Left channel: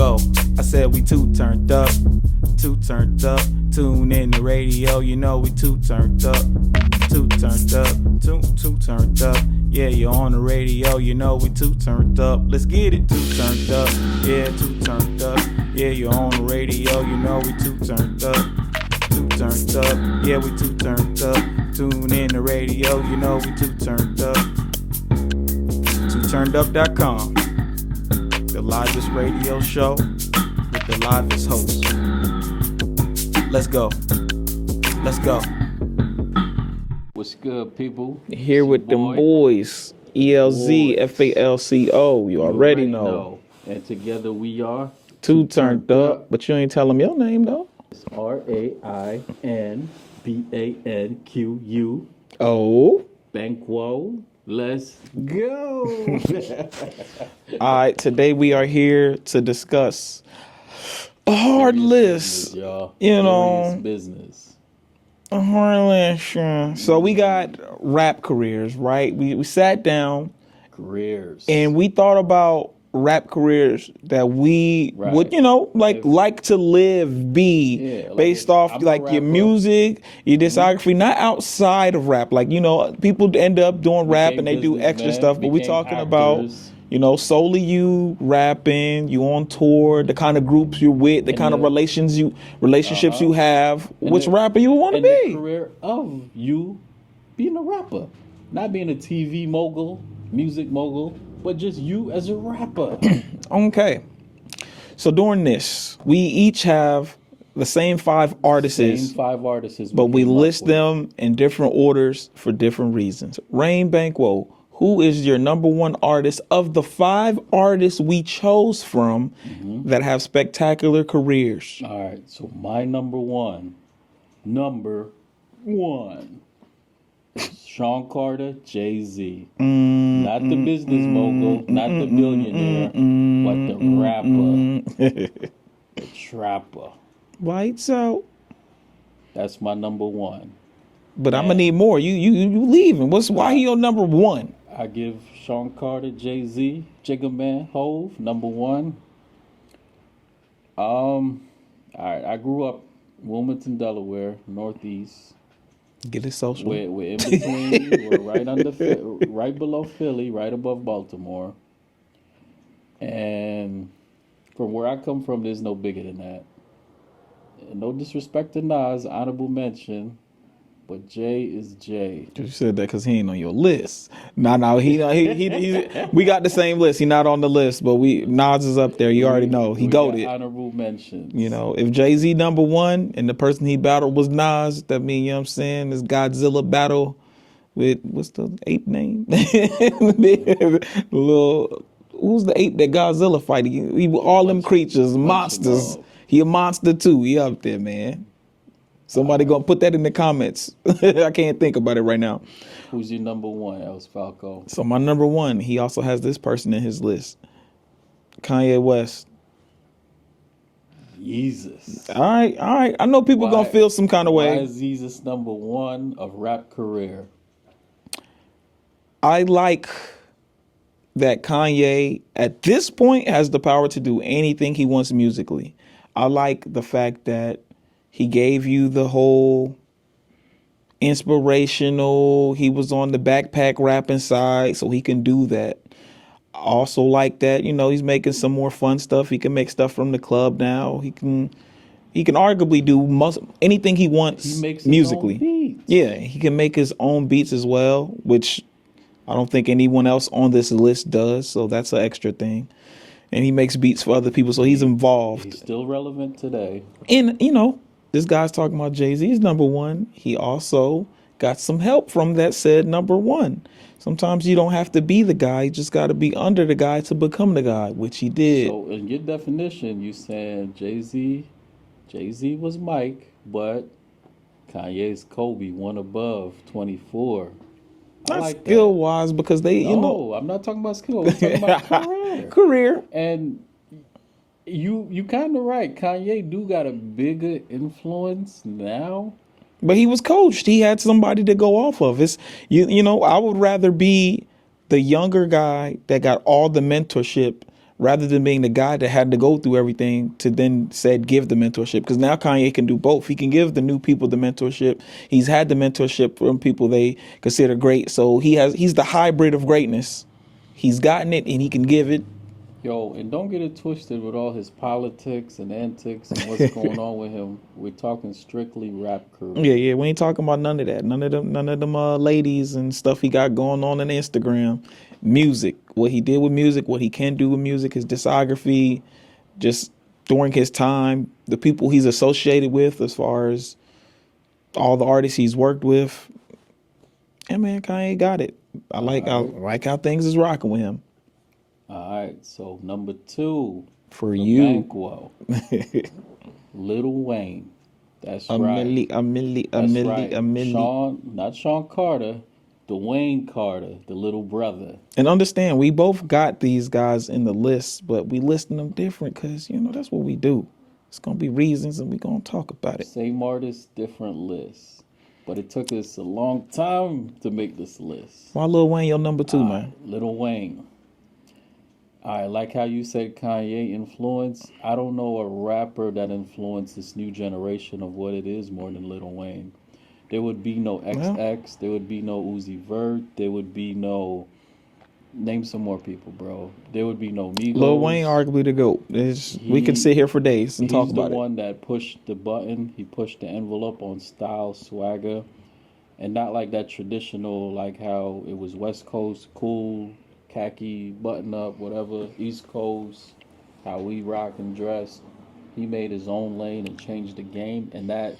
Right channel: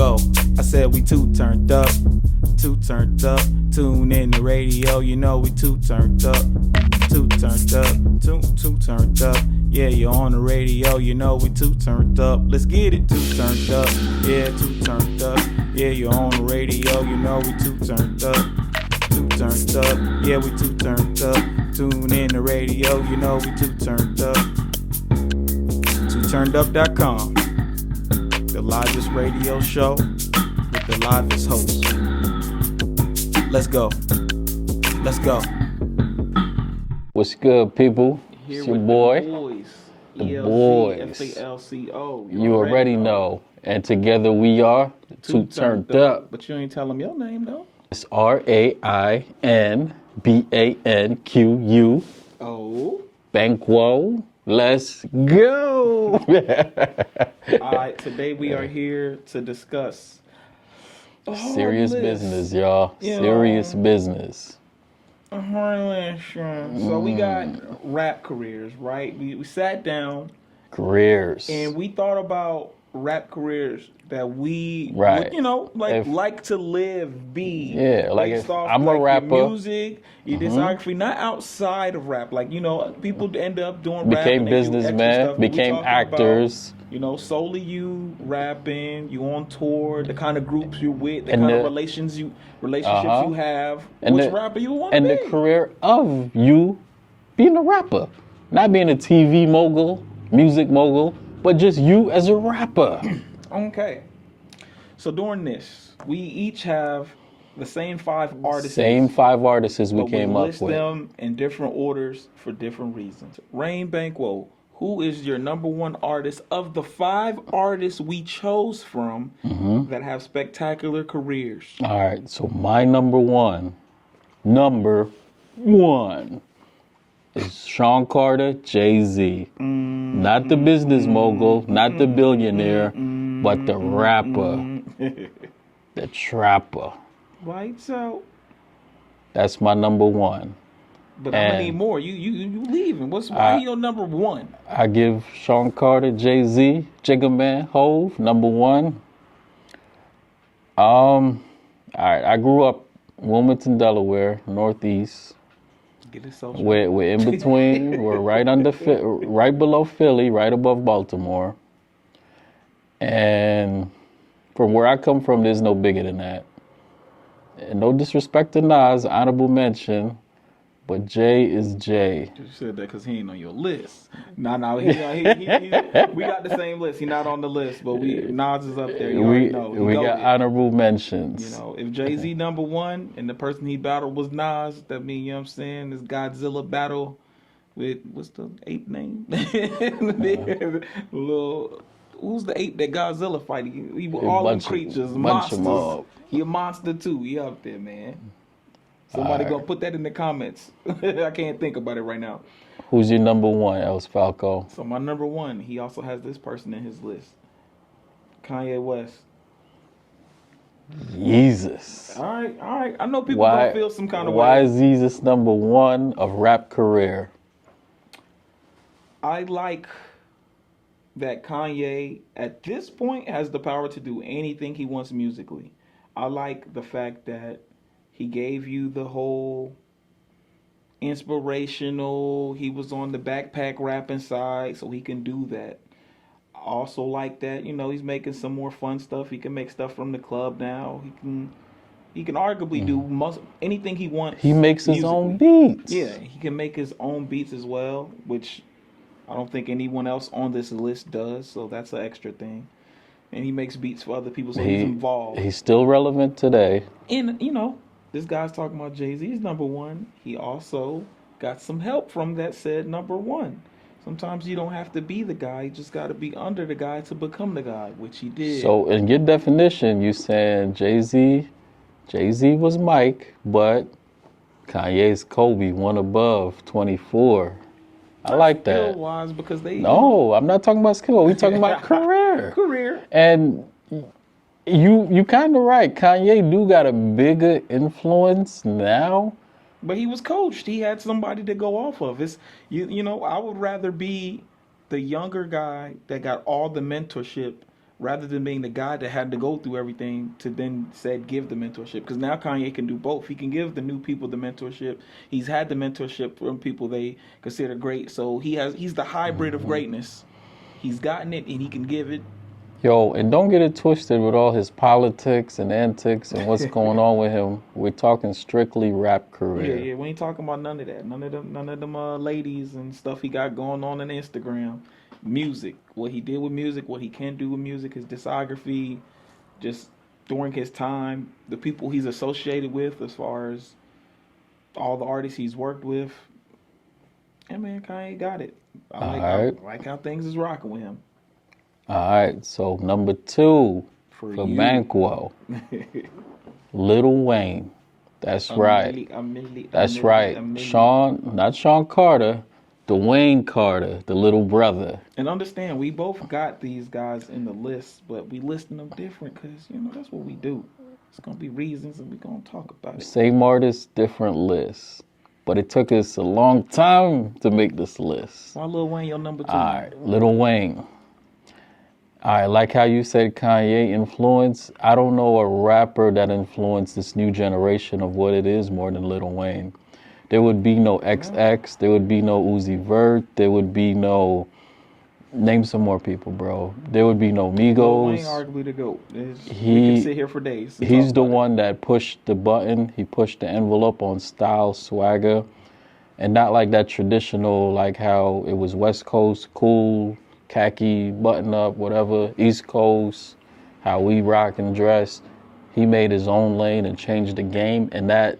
go. I said we too turned up. Tune in the radio, you know we too turned up. Too turned up. Yeah, you're on the radio, you know we too turned up. Let's get it, too turned up. Yeah, too turned up. Yeah, you're on the radio, you know we too turned up. Too turned up. Yeah, we too turned up. Tune in the radio, you know we too turned up. TooTurnedUp.com, the livest radio show with the livest host. Let's go. What's good, people? Here with the boys, ELZ, FALCO. You already know. And together we are Too Turned Up. But you ain't tell them your name, though. It's RAINBANQU. Oh. Banquo. Let's go. All right, today we are here to discuss a hard Serious list. Business, y'all. You Serious know, business. a hard list. So we got rap careers, right? We sat down. Careers. And we thought about rap careers that we would, like to live, based off like your music, your discography, not outside of rap. Like, people end up doing rap and they do extra stuff, but we talking actors. about, solely you rapping, you on tour, the kind of groups you're with, the kind of relationships you have, which rapper you want to be. And the career of you being a rapper, not being a TV mogul, music mogul, but just you as a rapper. Okay. So during this, we each have the same 5 artists. But we list them in different orders for different reasons. Rain Banquo, who is your number 1 artist of the 5 artists we chose from that have spectacular careers? All right, so my number one is Sean Carter, Jay-Z. Not the business mogul, not the billionaire, but the rapper, the trapper. Lights out. That's my number 1. But I'm gonna need more. You leaving? Why he your number 1? I give Sean Carter, Jay-Z, Jigga Man, Hove, number 1. All right, I grew up in Wilmington, Delaware, Northeast. Get it social. We're in between. We're right below Philly, right above Baltimore. And from where I come from, there's no bigger than that. And no disrespect to Nas, honorable mention, but Jay is Jay. You said that because he ain't on your list. No, he we got the same list. He not on the list, but Nas is up there. You already know. He got goated. Honorable mentions. If Jay-Z number 1 and the person he battled was Nas, that means, this Godzilla battle with, what's the ape name? Who's the ape that Godzilla fighting? All them creatures, monsters. He a monster too. He up there, man. Somebody gonna put that in the comments. I can't think about it right now. Who's your number 1, Elz Falco? So my number 1, he also has this person in his list. Kanye West. Jesus. All right. I know people gonna feel some kind of way. Why is Jesus number 1 of rap career? I like that Kanye, at this point, has the power to do anything he wants musically. I like the fact that he gave you the whole inspirational, he was on the backpack rapping side, so he can do that. I also like that, he's making some more fun stuff. He can make stuff from the club now. He can arguably do anything he wants. He makes his musically. Own beats. Yeah, he can make his own beats as well, which I don't think anyone else on this list does, so that's an extra thing. And he makes beats for other people, so he's involved. He's still relevant today. And, this guy's talking about Jay-Z's number 1. He also got some help from that said number 1. Sometimes you don't have to be the guy. You just got to be under the guy to become the guy, which he did. So in your definition, you saying Jay-Z was Mike, but Kanye's Kobe, 1 above, 24. I like that. Skill-wise, because they... No, I'm not talking about skill. We're talking about career. Career. And... You kind of right. Kanye do got a bigger influence now. But he was coached. He had somebody to go off of. I would rather be the younger guy that got all the mentorship rather than being the guy that had to go through everything to then said give the mentorship. Because now Kanye can do both. He can give the new people the mentorship. He's had the mentorship from people they consider great. So he's the hybrid of greatness. He's gotten it and he can give it. Yo, and don't get it twisted with all his politics and antics and what's going on with him. We're talking strictly rap career. Yeah. We ain't talking about none of that. None of them ladies and stuff he got going on Instagram. Music, what he did with music, what he can do with music, his discography, just during his time, the people he's associated with, as far as all the artists he's worked with. And man, Kanye got it. I like how things is rocking with him. All right, so number 2 for you, Banquo, Lil Wayne. That's right. That's right. Sean, not Sean Carter, Dwayne Carter, the little brother. And understand, we both got these guys in the list, but we listing them different because that's what we do. It's gonna be reasons, and we gonna talk about it. Same artist, different lists. But it took us a long time to make this list. Why Lil Wayne your number 2 now? Lil Wayne. I like how you said Kanye influence. I don't know a rapper that influenced this new generation of what it is more than Lil Wayne. There would be no XX. There would be no Uzi Vert. There would be no... Name some more people, bro. There would be no Migos. Lil Wayne arguably the GOAT. We can sit here for days. He's the one that pushed the button. He pushed the envelope on style, swagger. And not like that traditional, like how it was West Coast, cool, khaki, button up, whatever, East Coast, how we rock and dress. He made his own lane and changed the game, and that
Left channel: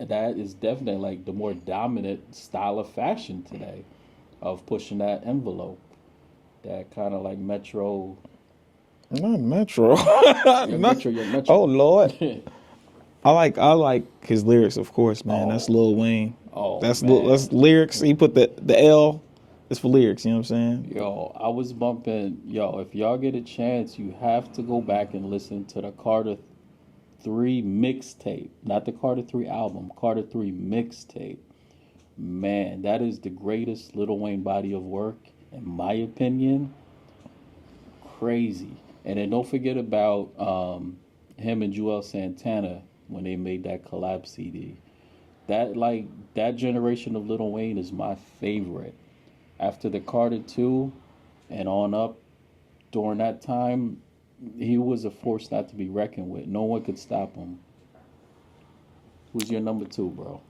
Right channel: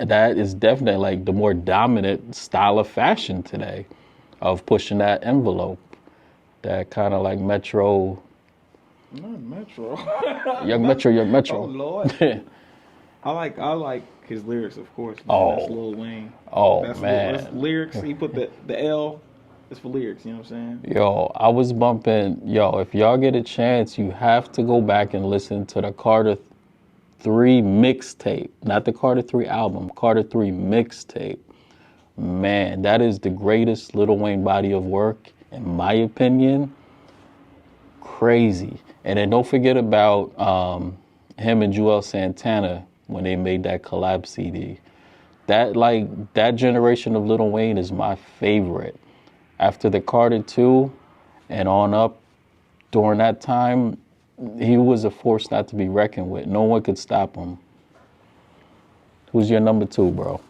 is definitely like the more dominant style of fashion today, of pushing that envelope, that kind of like Metro. Not Metro. Young Metro. Oh Lord. I like his lyrics, of course, man. That's Lil Wayne. That's lyrics. He put the L. It's for lyrics, you know what I'm saying? Yo, I was bumping, if y'all get a chance, you have to go back and listen to the Carter 3 mixtape. Not the Carter 3 album, Carter 3 mixtape. Man, that is the greatest Lil Wayne body of work, in my opinion. Crazy. And then don't forget about him and Joel Santana when they made that collab CD. That generation of Lil Wayne is my favorite. After the Carter 2 and on up, during that time, he was a force not to be reckoned with. No one could stop him. Who's your number 2, bro?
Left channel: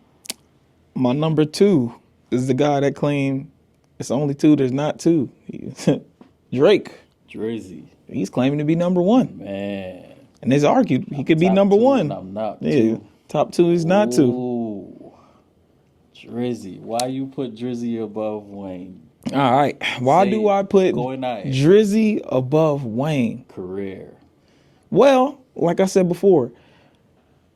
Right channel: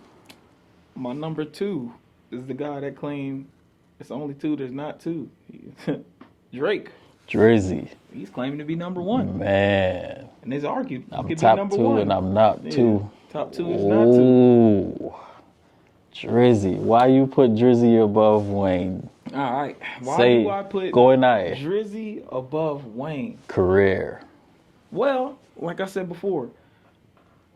My number 2 is the guy that claimed it's only 2, there's not 2. Drake. Drizzy. He's claiming to be number 1. Man. And it's argued he could be top number 2 1. And I'm not 2. Top 2 is not 2. Ooh. Drizzy. Why you put Drizzy above Wayne? All right. Why do I put Drizzy above Wayne? Career. Well, like I said before,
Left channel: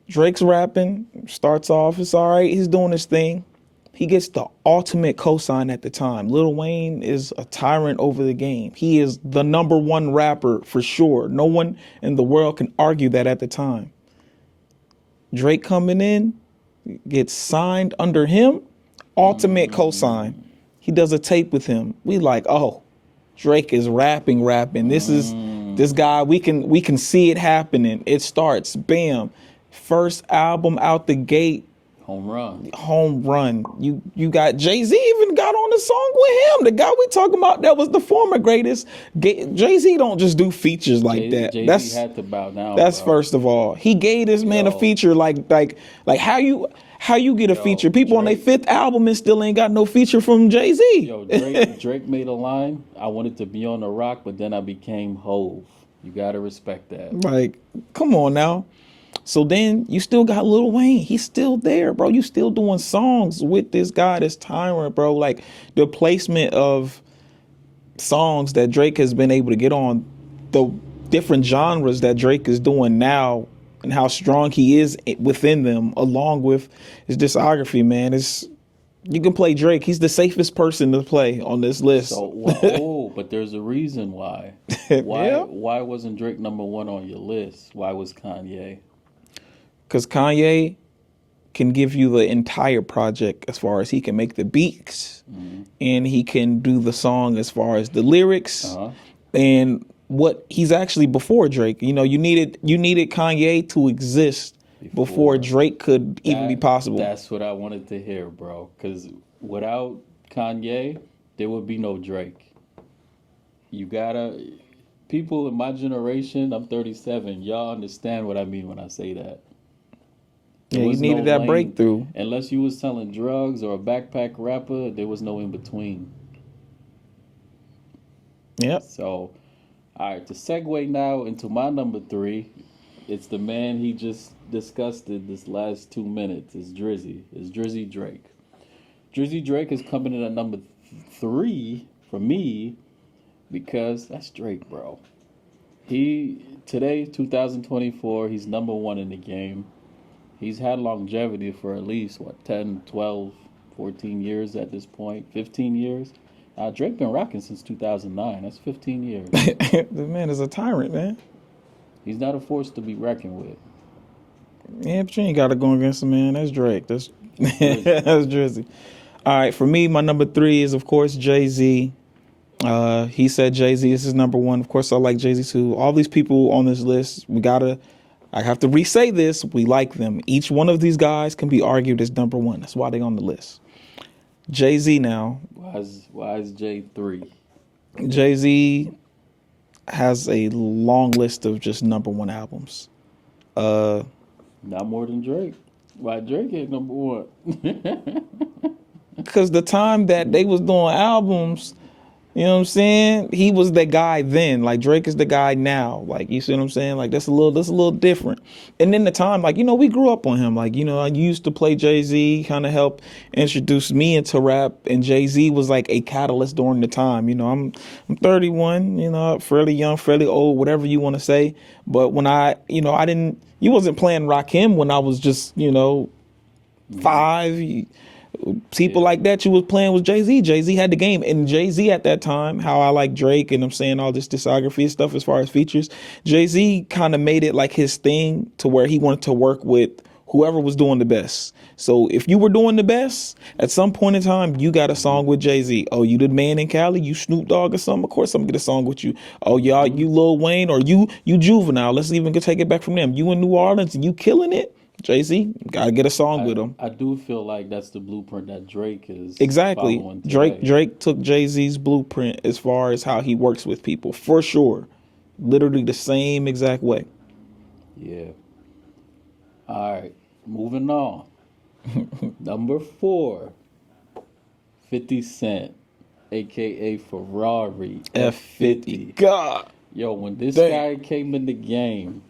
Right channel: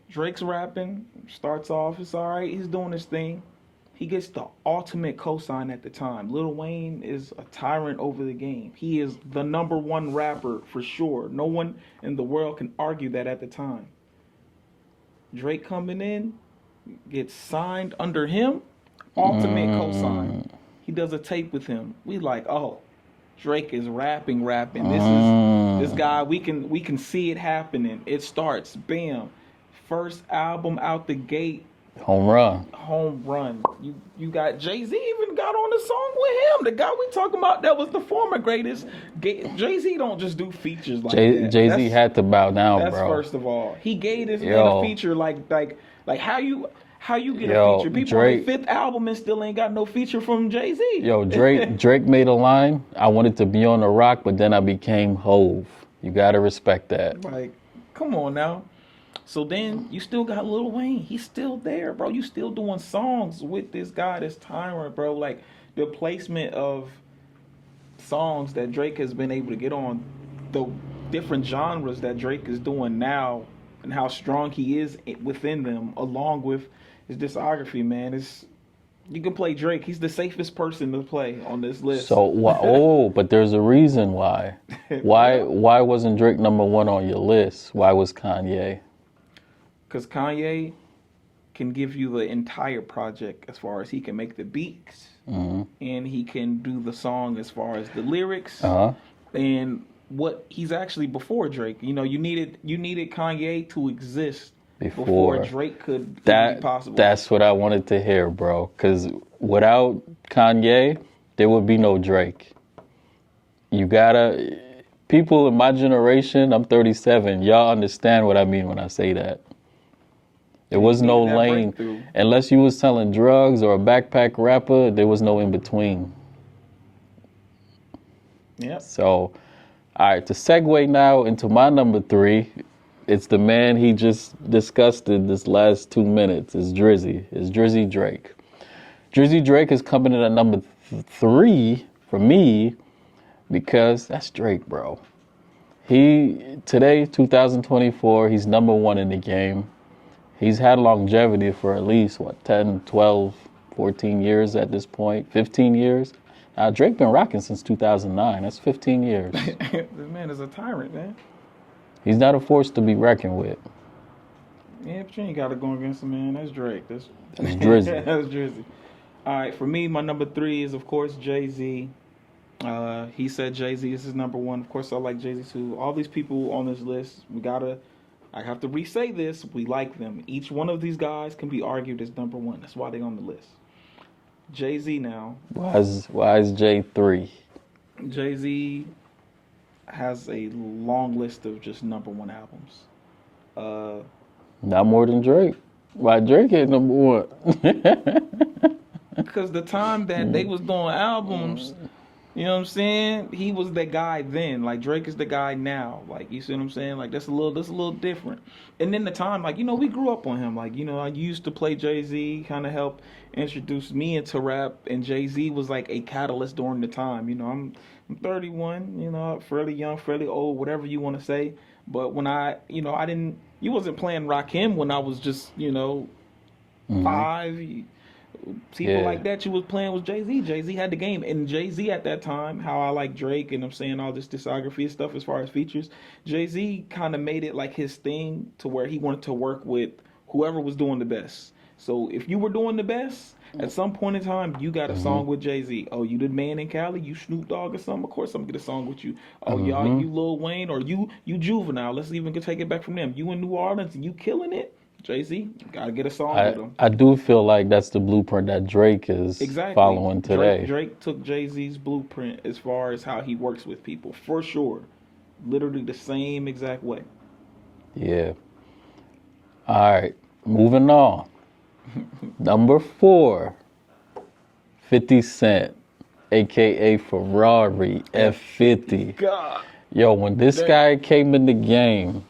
Drake's rapping, starts off, it's all right. He's doing his thing. He gets the ultimate cosign at the time. Lil Wayne is a tyrant over the game. He is the number 1 rapper for sure. No one in the world can argue that at the time. Drake coming in, gets signed under him, ultimate cosign. He does a tape with him. We like, oh, Drake is rapping. This is this guy. We can see it happening. It starts, bam, first album out the gate. Home run. You got Jay-Z even got on a song with him. The guy we talking about that was the former greatest. Jay-Z don't just do features like that. Jay-Z had to bow down. That's bro. First of all. He gave this man a feature like how you get a feature. People on their 5th album and still ain't got no feature from Jay-Z. Yo, Drake made a line. I wanted to be on the rock, but then I became Hove. You gotta respect that. Like, come on now. So then you still got Lil Wayne. He's still there, bro. You still doing songs with this guy, this tyrant, bro. Like the placement of songs that Drake has been able to get on, the different genres that Drake is doing now, and how strong he is within them, along with his discography, man. You can play Drake. He's the safest person to play on this list. So, but there's a reason why. Why wasn't Drake number 1 on your list? Why was Kanye? Because Kanye can give you the entire project as far as he can make the beats and he can do the song as far as the lyrics and what he's actually before Drake. You know, you needed Kanye to exist before Drake could even be possible. That's what I wanted to hear, bro. Because without Kanye, there would be no Drake. People in my generation, I'm 37, y'all understand what I mean when I say that. There was no lane. Breakthrough. Unless you was selling drugs or a backpack rapper, there was no in between. Yep. So, all right, to segue now into my number 3, it's the man he just discussed in this last 2 minutes. It's Drizzy. It's Drizzy Drake. Drizzy Drake is coming in at number 3 for me because that's Drake, bro. Today, 2024, he's number 1 in the game. He's had longevity for at least, 10, 12, 14 years at this point, 15 years. Drake been rocking since 2009. That's 15 years. This man is a tyrant, man. He's not a force to be reckoned with. Yeah, but you ain't got to go against him, man. That's Drake. That's Drizzy. That's Drizzy. All right, for me, my number 3 is, of course, Jay-Z. He said Jay-Z is his number 1. Of course, I like Jay-Z too. All these people on this list, I have to re-say this, we like them. Each one of these guys can be argued as number 1. That's why they're on the list. Jay-Z now. Why is Jay 3? Jay-Z has a long list of just number 1 albums. Not more than Drake. Why Drake ain't number 1? Because the time that they was doing albums, you know what I'm saying? He was the guy then. Like, Drake is the guy now. Like, you see what I'm saying? Like, that's a little different. And then the time, like, you know, we grew up on him. Like, you know, I used to play Jay-Z, kind of helped introduce me into rap. And Jay-Z was like a catalyst during the time. You know, I'm 31, you know, fairly young, fairly old, whatever you want to say. But when you wasn't playing Rakim when I was just, you know, 5. People like that you was playing with Jay-Z. Jay-Z had the game. And Jay-Z at that time, how I like Drake and I'm saying all this discography and stuff as far as features, Jay-Z kind of made it like his thing to where he wanted to work with whoever was doing the best. So if you were doing the best, at some point in time, you got a song with Jay-Z. Oh, you the man in Cali? You Snoop Dogg or something? Of course I'm going to get a song with you. Oh, y'all, you Lil Wayne or you Juvenile. Let's even take it back from them. You in New Orleans and you killing it? Jay-Z, gotta get a song with him. I do feel like that's the blueprint that Drake is following today. Drake took Jay-Z's blueprint as far as how he works with people, for sure. Literally the same exact way. Yeah. All right, moving on. Number 4, 50 Cent, a.k.a. Ferrari F50. God. Yo, when this guy came in the game,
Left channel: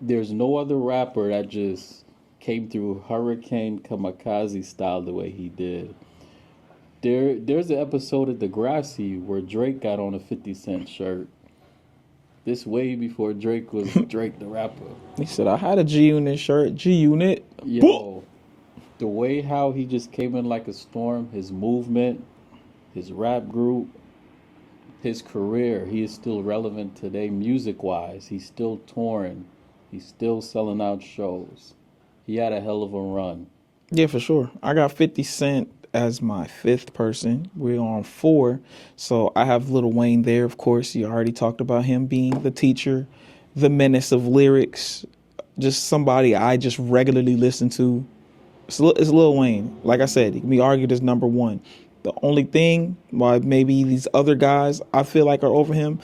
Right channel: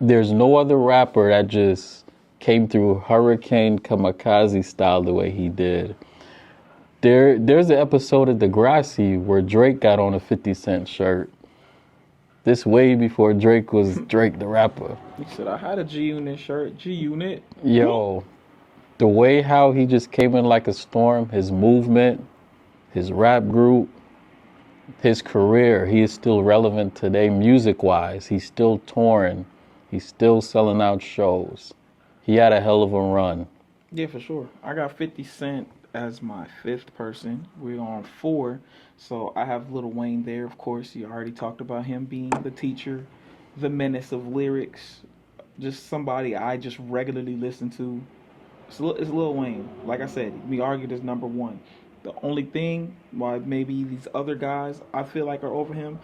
there's no other rapper that just came through hurricane kamikaze style the way he did. There's an episode of Degrassi where Drake got on a 50 Cent shirt. This way before Drake was Drake the rapper. He said, I had a G-Unit shirt. G-Unit. Yo, the way how he just came in like a storm, his movement, his rap group, his career, he is still relevant today music-wise. He's still touring. He's still selling out shows. He had a hell of a run. Yeah, for sure. I got 50 Cent as my 5th person. We're on 4. So I have Lil Wayne there, of course. You already talked about him being the teacher, the menace of lyrics, just somebody I just regularly listen to. It's Lil Wayne. Like I said, he can be argued as number 1. The only thing why maybe these other guys I feel like are over him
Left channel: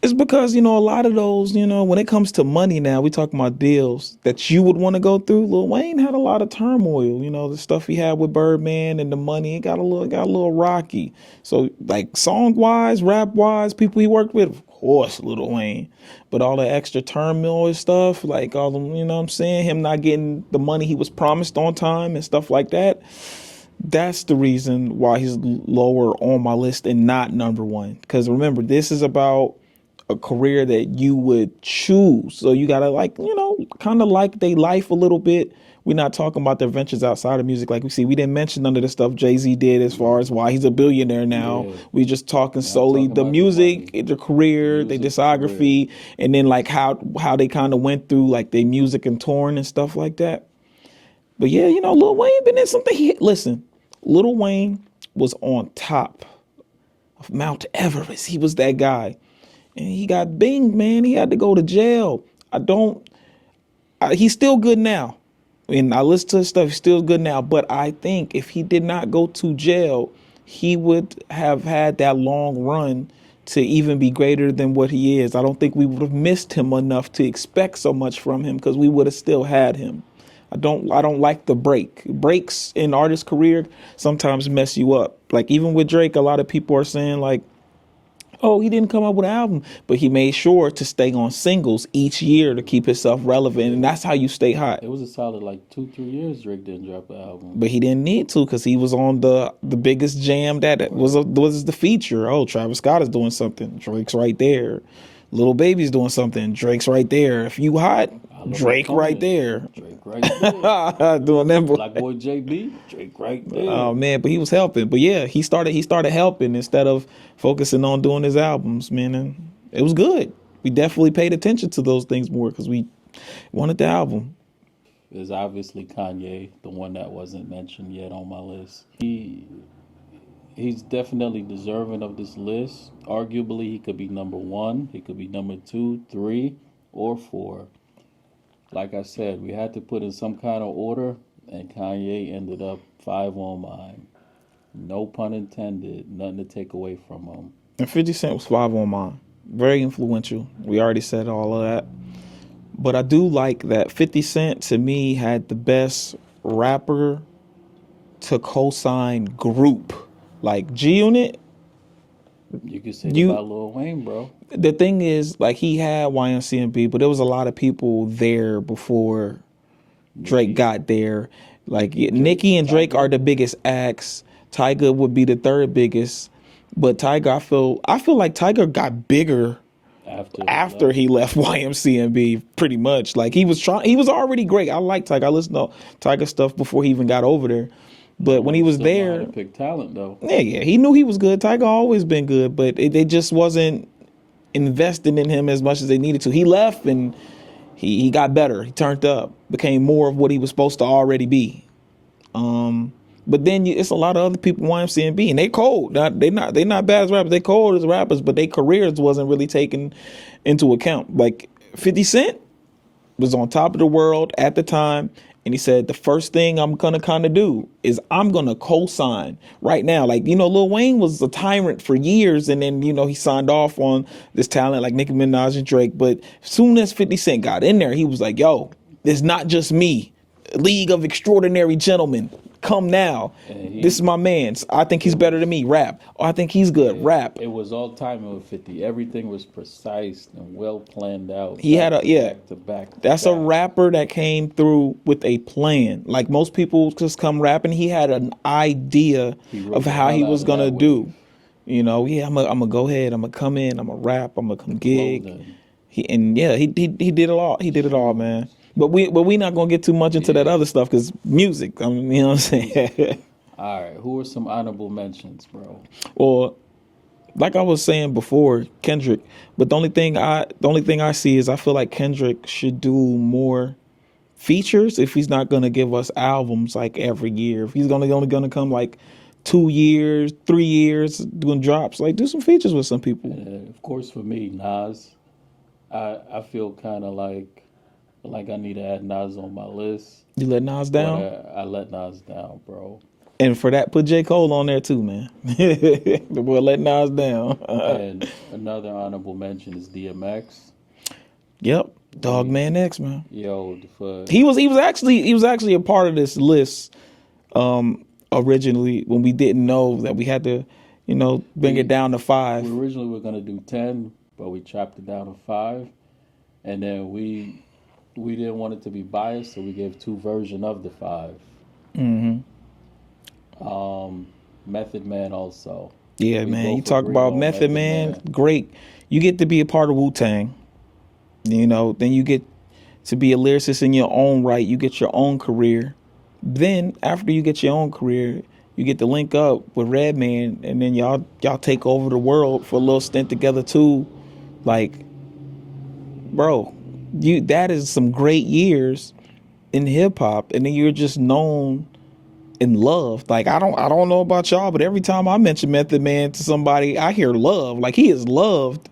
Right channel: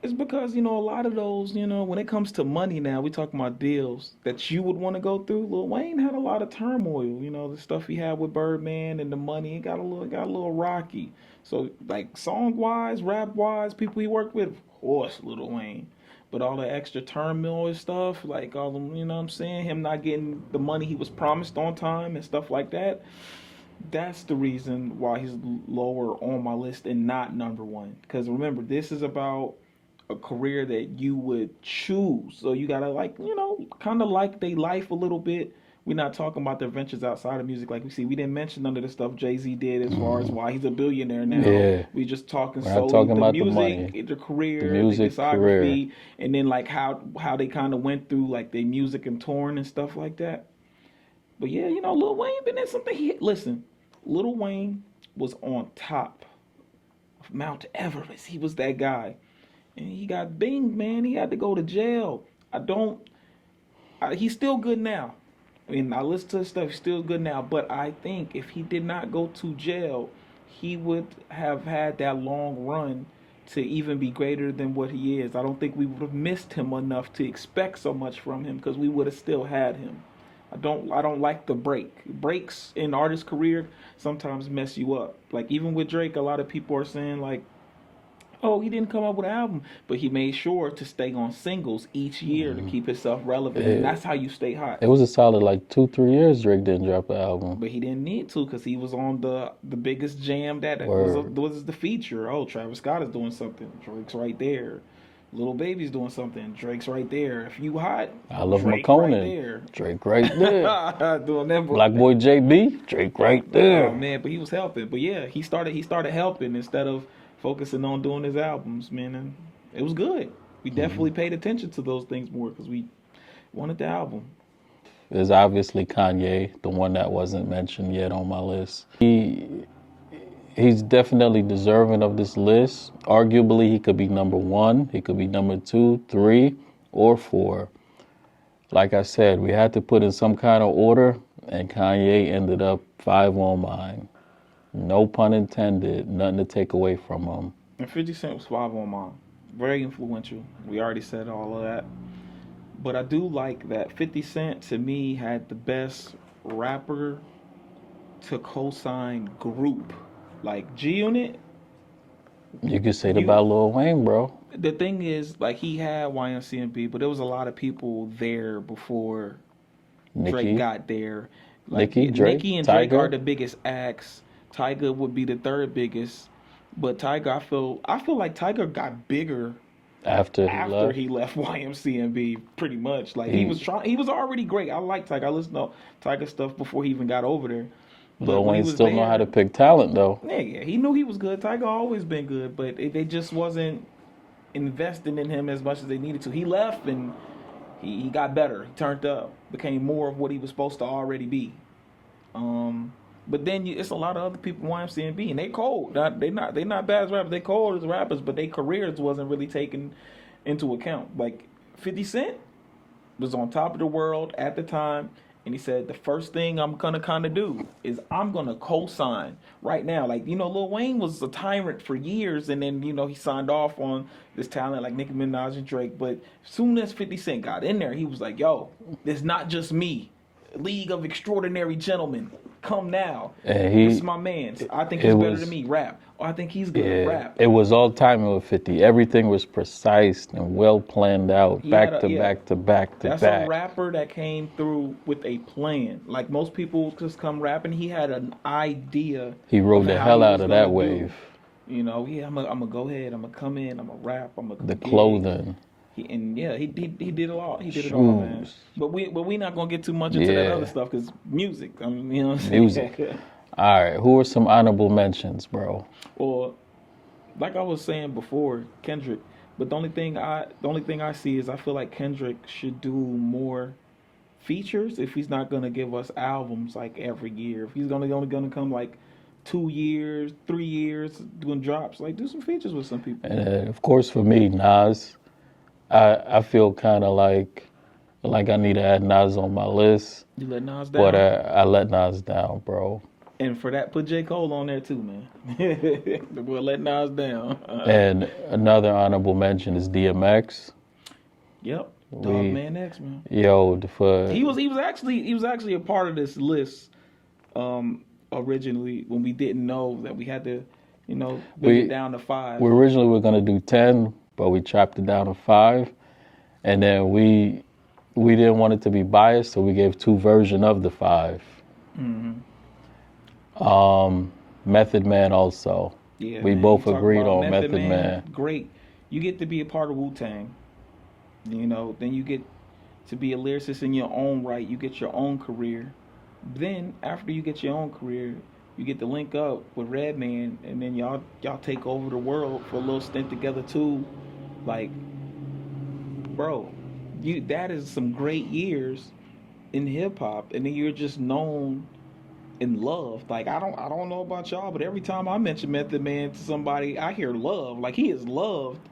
is because, you know, a lot of those, you know, when it comes to money now, we talking about deals that you would want to go through. Lil Wayne had a lot of turmoil, you know, the stuff he had with Birdman and the money, it got a little rocky. So like song wise, rap wise, people he worked with, of course, Lil Wayne. But all the extra turmoil and stuff, like all the, you know what I'm saying, him not getting the money he was promised on time and stuff like that. That's the reason why he's lower on my list and not number 1. Because remember, this is about a career that you would choose. So you gotta, like, you know, kind of like their life a little bit. We're not talking about their ventures outside of music. Like we see, we didn't mention none of the stuff Jay-Z did as far as why he's a billionaire now. Yeah. We just talking solely the music, the career, the discography, and then like how they kind of went through like their music and touring and stuff like that. But yeah, you know, Lil Wayne been in something. Listen, Lil Wayne was on top of Mount Everest. He was that guy. and he got binged, man. He had to go to jail. He's still good now. And I listen to his stuff, he's still good now. But I think if he did not go to jail, he would have had that long run to even be greater than what he is. I don't think we would have missed him enough to expect so much from him because we would have still had him. I don't like the break. Breaks in artist career sometimes mess you up. Like even with Drake, a lot of people are saying like, oh, he didn't come up with an album, but he made sure to stay on singles each year to keep himself relevant. Yeah. And that's how you stay hot. It was a solid like 2-3 years Drake didn't drop an album. But he didn't need to because he was on the biggest jam that was the feature. Oh, Travis Scott is doing something. Drake's right there. Little Baby's doing something. Drake's right there. If you hot, Drake right there. Drake right there. Doing them. Black Boy JB, Drake right there. Oh man, but he was helping. But yeah, he started helping instead of focusing on doing his albums, man. And it was good. We definitely paid attention to those things more because we wanted the album. There's obviously Kanye, the one that wasn't mentioned yet on my list. He's definitely deserving of this list. Arguably, he could be number 1, he could be number 2, 3, or 4. Like I said, we had to put in some kind of order, and Kanye ended up 5 on mine. No pun intended, nothing to take away from him. And 50 Cent was 5 on mine. Very influential. We already said all of that. But I do like that 50 Cent, to me, had the best rapper to co-sign group. Like G-Unit. You could say that about Lil Wayne, bro. The thing is, like, he had YMCMB, but there was a lot of people there before Drake got there. Like, Nicki and Drake are the biggest acts. Tyga would be the third biggest. But Tyga, I feel like Tyga got bigger after he left YMCMB, pretty much. Like, he was already great. I like Tyga. I listened to Tyga stuff before he even got over there. But when he was there, know how to pick talent though. Yeah, he knew he was good. Tyga always been good, but they just wasn't investing in him as much as they needed to. He left and he got better. He turned up, became more of what he was supposed to already be. But then it's a lot of other people YMCMB, and they cold. They not bad as rappers. They cold as rappers, but their careers wasn't really taken into account. Like 50 Cent was on top of the world at the time. And he said, the first thing I'm going to kind of do is I'm going to co-sign right now. Like, Lil Wayne was a tyrant for years. And then, he signed off on this talent like Nicki Minaj and Drake. But as soon as 50 Cent got in there, he was like, yo, it's not just me. League of Extraordinary Gentlemen. Come now. This is my man. I think he's better than me. Rap. Oh, I think he's good. Rap. It was all timing with 50. Everything was precise and well planned out. Back to back. That's a rapper that came through with a plan. Like most people just come rapping. He had an idea of how he was gonna do. I'm gonna go ahead. I'm gonna come in. I'm gonna rap. I'm gonna gig. Clothing. He did it all. He did it all, man. But we not gonna get too much into that other stuff because music. I mean, you know what I'm saying? All right, who are some honorable mentions, bro? Or, like I was saying before, Kendrick. But the only thing I see is I feel like Kendrick should do more features if he's not gonna give us albums like every year. If he's only gonna come like 2 years, 3 years doing drops, like do some features with some people. And of course, for me, Nas. I feel kind of like I need to add Nas on my list. You let Nas down? But I let Nas down, bro. And for that, put J. Cole on there too, man. The boy let Nas down. And another honorable mention is DMX. Yep, Dogman X, man. Yo, he was actually a part of this list originally when we didn't know that we had to, bring it down to 5. We originally were gonna do 10, but we chopped it down to 5, and then we didn't want it to be biased, so we gave 2 versions of the 5. Mm-hmm. Method Man also. Yeah, man. You talk about Method Man. Great. You get to be a part of Wu-Tang. Then you get to be a lyricist in your own right. You get your own career. Then after you get your own career, you get to link up with Redman, and then y'all take over the world for a little stint together too. Like, bro, that is some great years in hip hop, and then you're just known and loved. Like, I don't know about y'all, but every time I mention Method Man to somebody, I hear love. Like, he is loved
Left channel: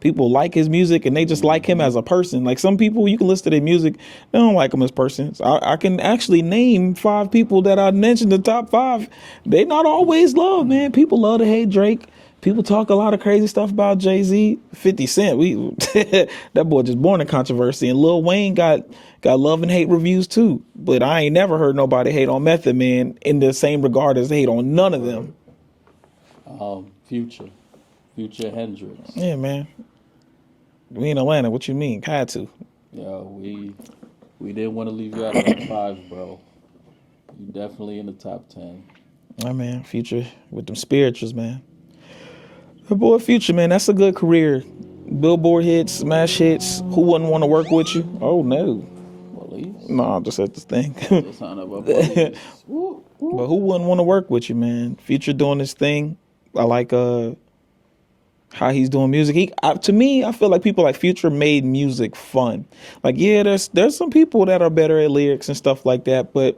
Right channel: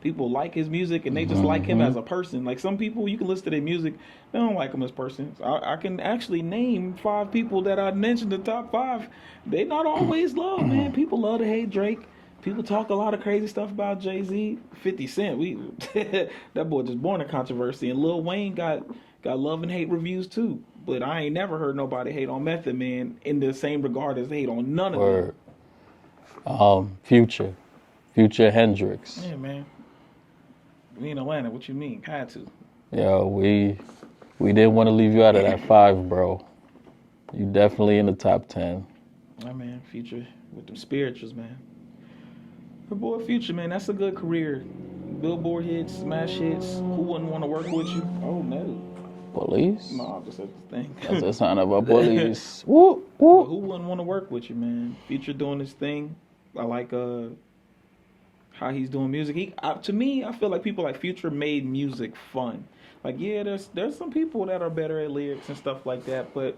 People like his music and they just like him as a person. Like some people, you can listen to their music, they don't like him as persons. I can actually name 5 people that I mentioned, the top 5. They not always love, man. People love to hate Drake. People talk a lot of crazy stuff about Jay-Z, 50 Cent. That boy just born in controversy. And Lil Wayne got love and hate reviews too. But I ain't never heard nobody hate on Method Man in the same regard as they hate on none of them. Future Hendrix. Yeah, man. We in Atlanta. What you mean? Had to. Yeah, we didn't want to leave you out of that 5, bro. You definitely in the top 10. Oh, man. Future with them spirituals, man. The boy Future, man, that's a good career. Billboard hits, smash hits. Who wouldn't want to work with you? Oh, no. Police? No, I'm just at this thing. That's the sign of a police. Whoop, whoop. But who wouldn't want to work with you, man? Future doing this thing. I like how he's doing music. To me, I feel like people like Future made music fun. Like, yeah, there's some people that are better at lyrics and stuff like that, but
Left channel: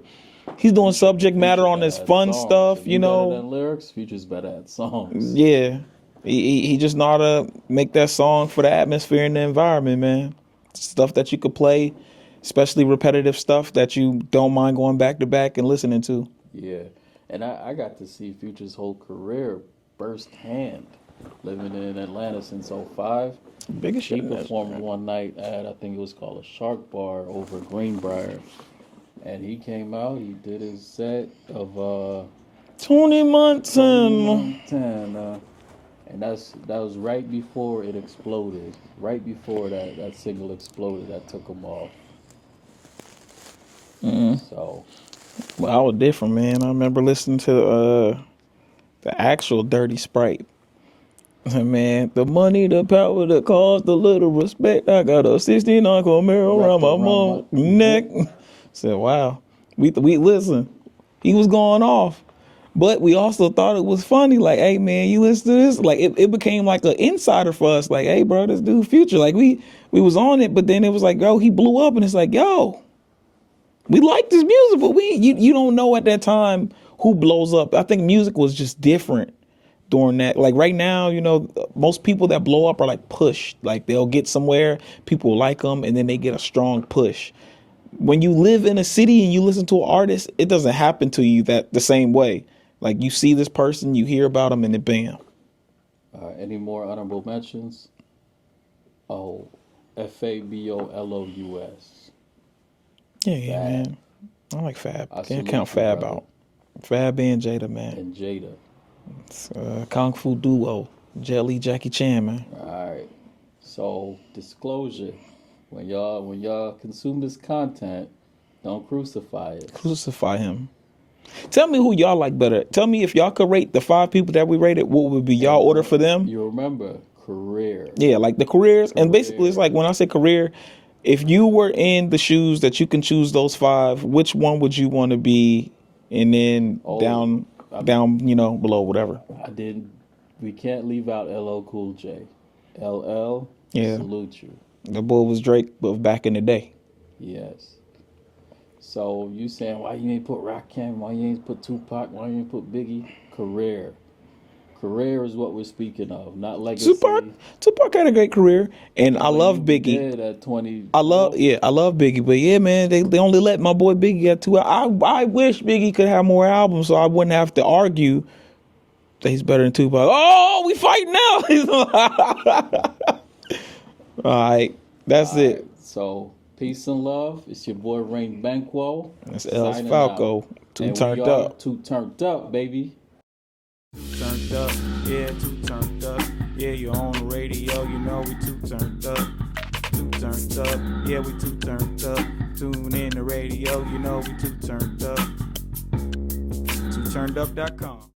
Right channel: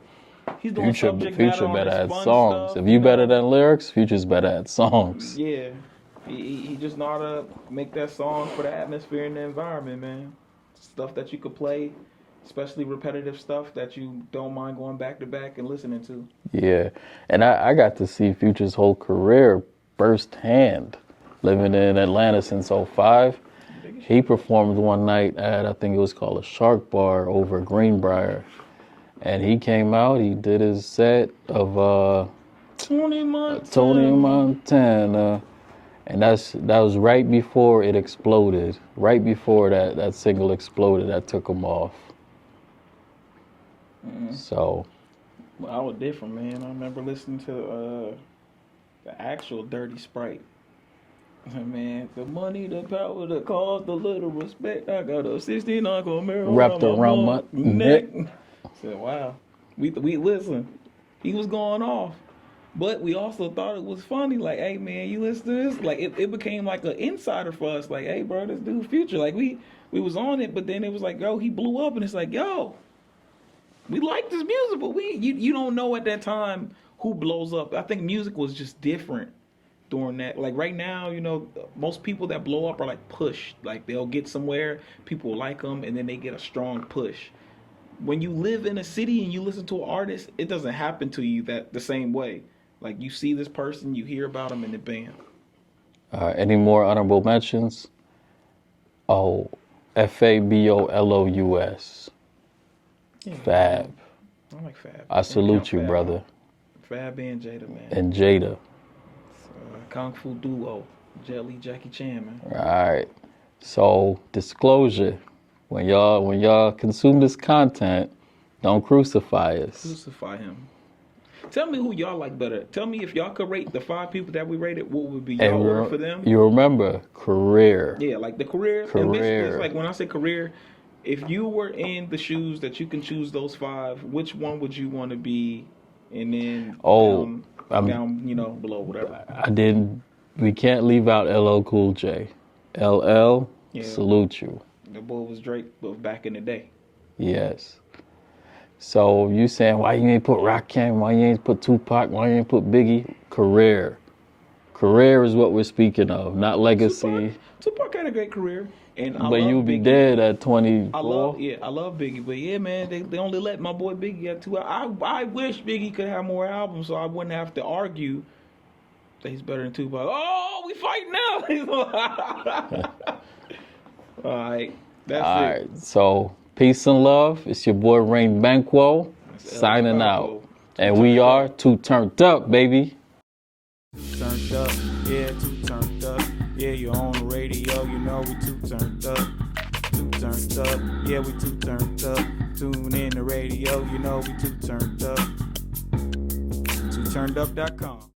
he's doing subject matter on this fun songs. stuff. If you better than lyrics, Future's better at songs. Yeah. He just know how to make that song for the atmosphere and the environment, man. Stuff that you could play, especially repetitive stuff that you don't mind going back to back and listening to. Yeah, and I got to see Future's whole career firsthand, living in Atlanta since 2005. He performed one night at, I think it was called a Shark Bar over Greenbrier. And he came out, he did his set of Tony Montana. And that was right before it exploded. Right before that single exploded, that took him off. So, well, I was different, man. I remember listening to the actual Dirty Sprite. Man, the money, the power, the cause, the little respect. I got a 69 Camaro around my neck. I said, wow. We listen. He was going off. But we also thought it was funny, like, hey, man, you listen to this? Like, it became like an insider for us. Like, hey, bro, this dude Future. Like, we was on it, but then it was like, yo, he blew up, and it's like, yo, we like this music, but you don't know at that time who blows up. I think music was just different during that. Like, right now, most people that blow up are, like, pushed. Like, they'll get somewhere, people like them, and then they get a strong push. When you live in a city and you listen to an artist, it doesn't happen to you the same way. Like, you see this person, you hear about them, and then bam. Any more honorable mentions? Oh, Fabolous. Yeah, Fab. Man. I like Fab. I salute you, Fab brother. Out. Fab and Jada, man. And Jada. It's Kung Fu duo. Jelly, Jackie Chan, man. All right. So, disclosure. When y'all consume this content, don't crucify us. Crucify him. Tell me who y'all like better. Tell me if y'all could rate the 5 people that we rated, what would be y'all order for them? You remember, career. Yeah, like the careers. And basically, it's like when I say career, if you were in the shoes that you can choose those 5, which one would you want to be? And then down, below, whatever. We can't leave out LL Cool J. LL, yeah. Salute you. The boy was Drake, but back in the day. Yes. So you saying why you ain't put Rakim, why you ain't put Tupac, why you ain't put Biggie? Career is what we're speaking of, not legacy. Tupac had a great career, and I love Biggie. Dead at 20. I love Biggie, but yeah, man, they only let my boy Biggie get 2. I wish Biggie could have more albums, so I wouldn't have to argue that he's better than Tupac. Oh, we fighting now. All right, that's it. Right, so. Peace and love. It's your boy Rain Banquo signing out. And we are Too Turned Up, baby. Too turned up, yeah, too turned up. Yeah, you're on the radio, we too turned up. Too turned up, yeah, we too turned up. Tune in the radio, we too turned up. TooTurnedUp.com.